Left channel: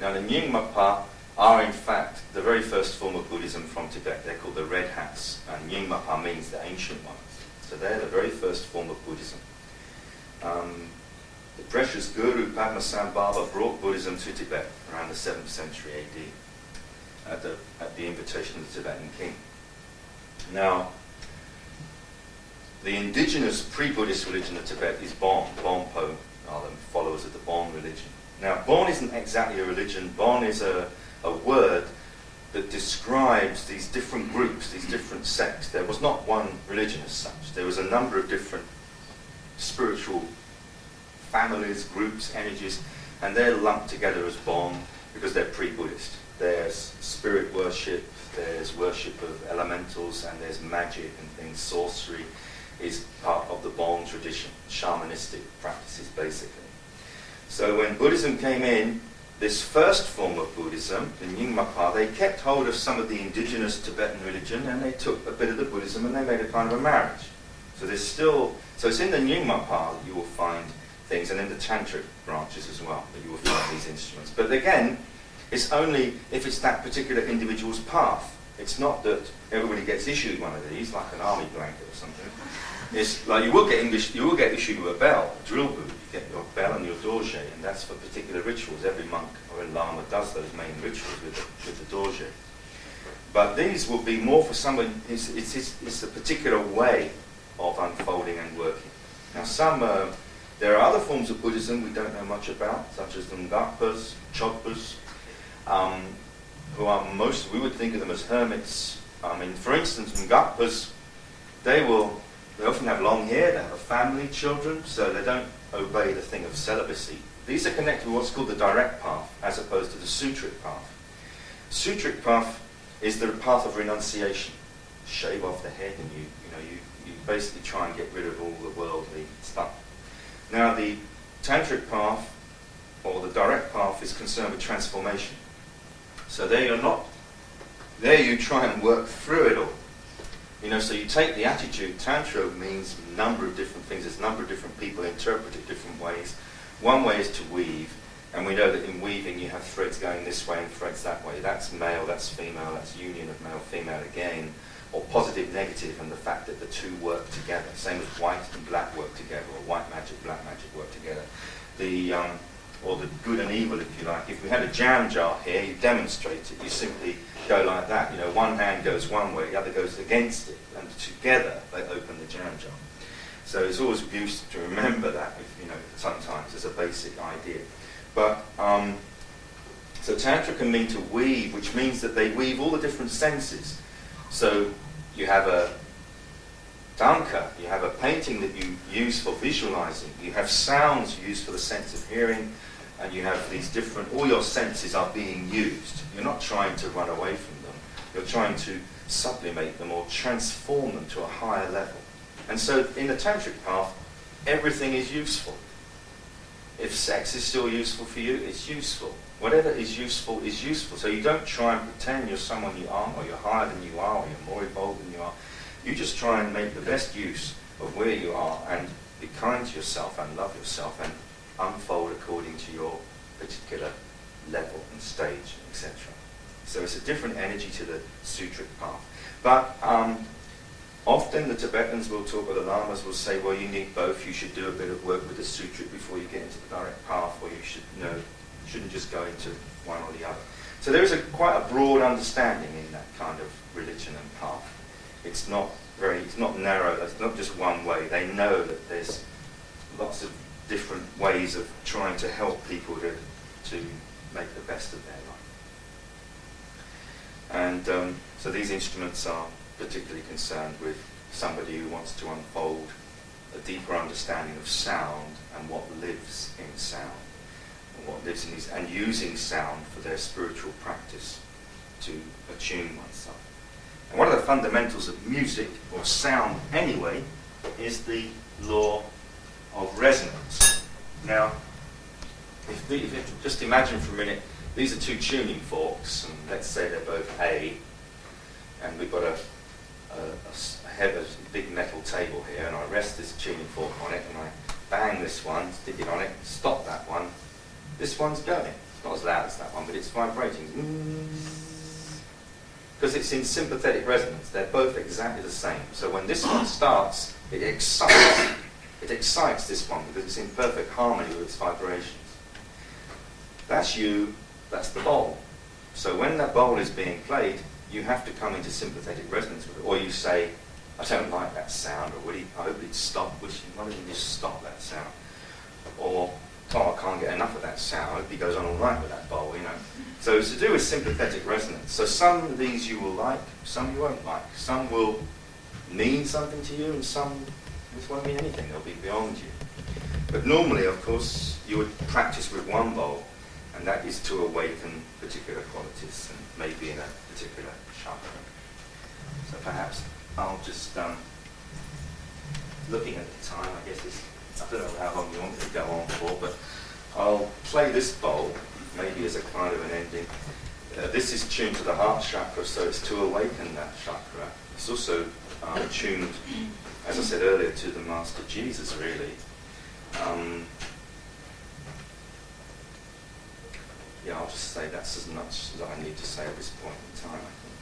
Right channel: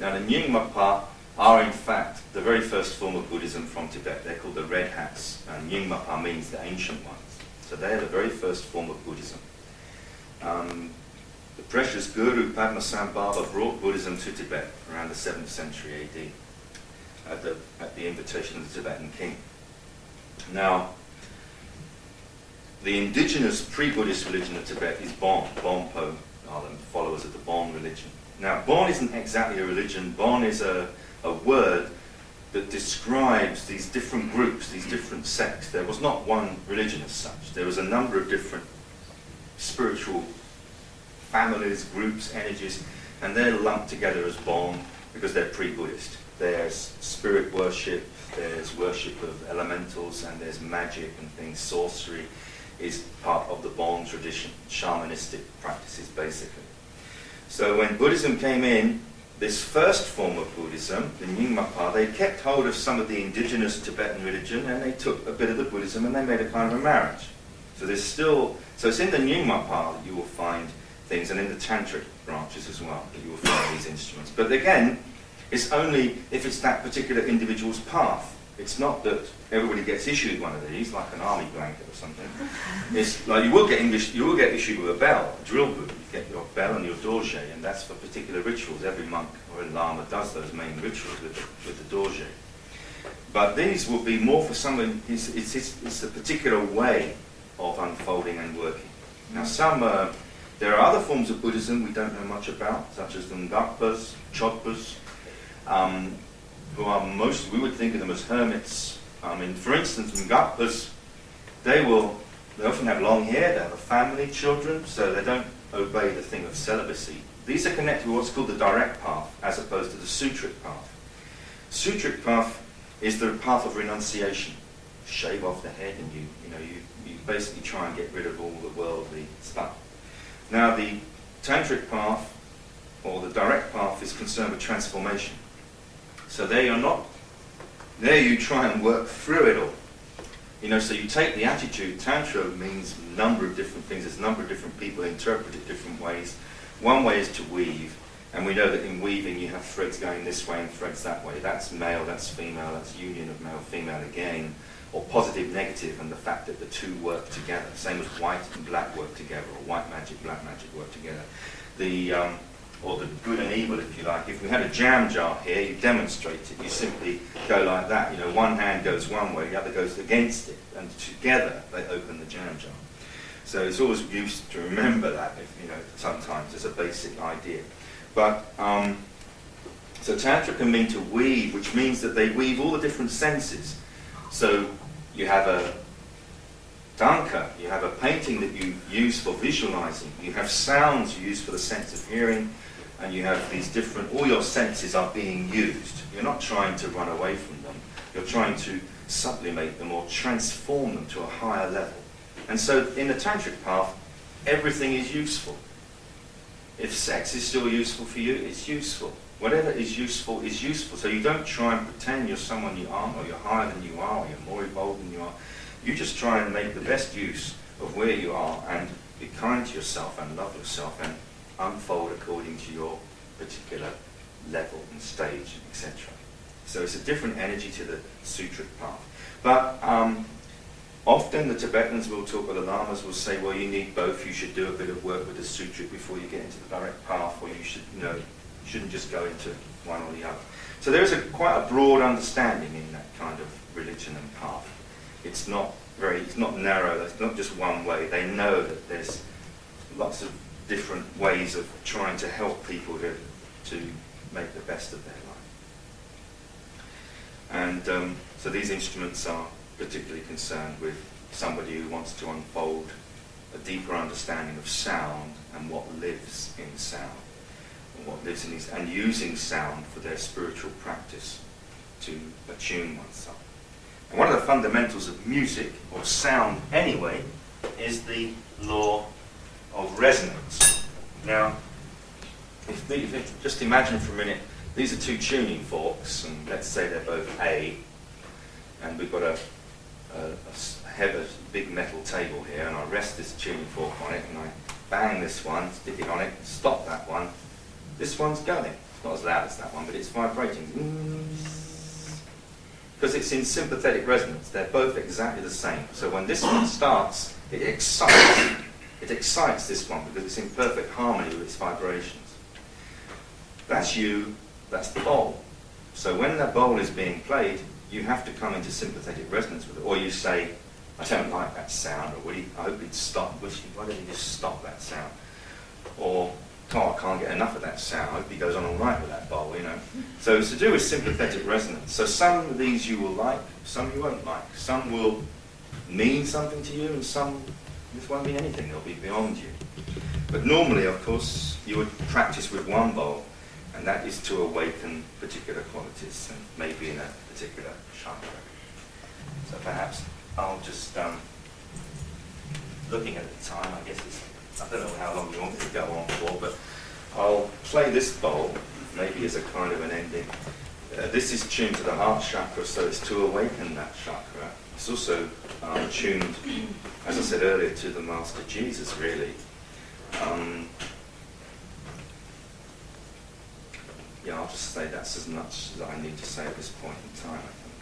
Now the Nyingmapa are in fact the very first form of Buddhism from Tibet. They're called the Red Hats, and Nyingmapa means the ancient ones. So they're the very first form of Buddhism. The precious Guru Padmasambhava brought Buddhism to Tibet around the 7th century AD at the invitation of the Tibetan king. Now, the indigenous pre-Buddhist religion of Tibet is Bon. Bonpo are the followers of the Bon religion. Now, Bon isn't exactly a religion. Bon is a word that describes these different groups, these different sects. There was not one religion as such. There was a number of different spiritual families, groups, energies, and they're lumped together as Bon because they're pre-Buddhist. There's spirit worship, there's worship of elementals, and there's magic and things. Sorcery is part of the Bon tradition, shamanistic practices basically. So when Buddhism came in, this first form of Buddhism, the Nyingmapa, they kept hold of some of the indigenous Tibetan religion and they took a bit of the Buddhism and they made a kind of a marriage. So there's still, so it's in the Nyingmapa that you will find things, and in the tantric branches as well, that you will find these instruments. But again, it's only if it's that particular individual's path. It's not that everybody gets issued one of these, like an army blanket or something. It's like you will get issued with a bell, a drill boot. You get your bell and your dorje, and that's for particular rituals. Every monk or a lama does those main rituals with the dorje. But these will be more for someone. It's a particular way of unfolding and working. Now, there are other forms of Buddhism we don't know much about, such as the Ngakpas, Chodpas, who are we would think of them as hermits. For instance, Ngakpas, they often have long hair, they have a family, children, so they don't obey the thing of celibacy. These are connected with what's called the direct path, as opposed to the sutric path. Sutric path is the path of renunciation. Shave off the head, and you basically try and get rid of all the worldly stuff. Now, the tantric path, or the direct path, is concerned with transformation. So there you try and work through it all. So you take the attitude. Tantra means a number of different things. There's a number of different people interpret it different ways. One way is to weave, and we know that in weaving you have threads going this way and threads that way. That's male, that's female, that's union of male, female again, or positive, negative, and the fact that the two work together. Same as white and black work together, or white magic, black magic work together. Or the good and evil, if you like. If we had a jam jar here, you demonstrate it. You simply go like that. One hand goes one way, the other goes against it, and together they open the jam jar. So it's always useful to remember that, sometimes as a basic idea. But so Tantra can mean to weave, which means that they weave all the different senses. So you have a danka, you have a painting that you use for visualizing, you have sounds used for the sense of hearing, and you have these all your senses are being used. You're not trying to run away from them, you're trying to sublimate them or transform them to a higher level. And so in the tantric path, everything is useful. If sex is still useful for you, it's useful. Whatever is useful is useful. So you don't try and pretend you're someone you aren't, or you're higher than you are, or you're more evolved than you are. You just try and make the best use of where you are and be kind to yourself and love yourself and unfold according to your particular level and stage, etc. So it's a different energy to the sutric path. But often the Tibetans will talk, or the lamas will say, well, you need both. You should do a bit of work with the sutric before you get into the direct path, or you shouldn't just go into one or the other. So there is quite a broad understanding in that kind of religion and path. It's not narrow, it's not just one way. They know that there's lots of different ways of trying to help people to make the best of their life. And so these instruments are particularly concerned with somebody who wants to unfold a deeper understanding of sound and what lives in sound, and what lives in these, and using sound for their spiritual practice to attune oneself. And one of the fundamentals of music, or sound anyway, is the law of resonance. Now, if you just imagine for a minute, these are two tuning forks, and let's say they're both A, and we've got a big metal table here, and I rest this tuning fork on it, and I bang this one, stick it on it, stop that one. This one's going. It's not as loud as that one, but it's vibrating. Because it's in sympathetic resonance. They're both exactly the same. So when this one starts, it excites this one because it's in perfect harmony with its vibrations. That's you, that's the bowl. So when that bowl is being played, you have to come into sympathetic resonance with it. Or you say, I don't like that sound, or I hope he'd stop. Why don't you just stop that sound? Or, oh, I can't get enough of that sound. I hope he goes on all night with that bowl, you know. So it's to do with sympathetic resonance. So some of these you will like, some you won't like. Some will mean something to you, and some this won't mean anything. They'll be beyond you. But normally, of course, you would practice with one bowl, and that is to awaken particular qualities, and maybe in a particular chakra. So perhaps I'll just, looking at the time, I guess I don't know how long you want me to go on for, but I'll play this bowl, maybe as a kind of an ending. This is tuned to the heart chakra, so it's to awaken that chakra. It's also tuned, as I said earlier, to the Master Jesus, really. Yeah, I'll just say that's as much as I need to say at this point in time, I think.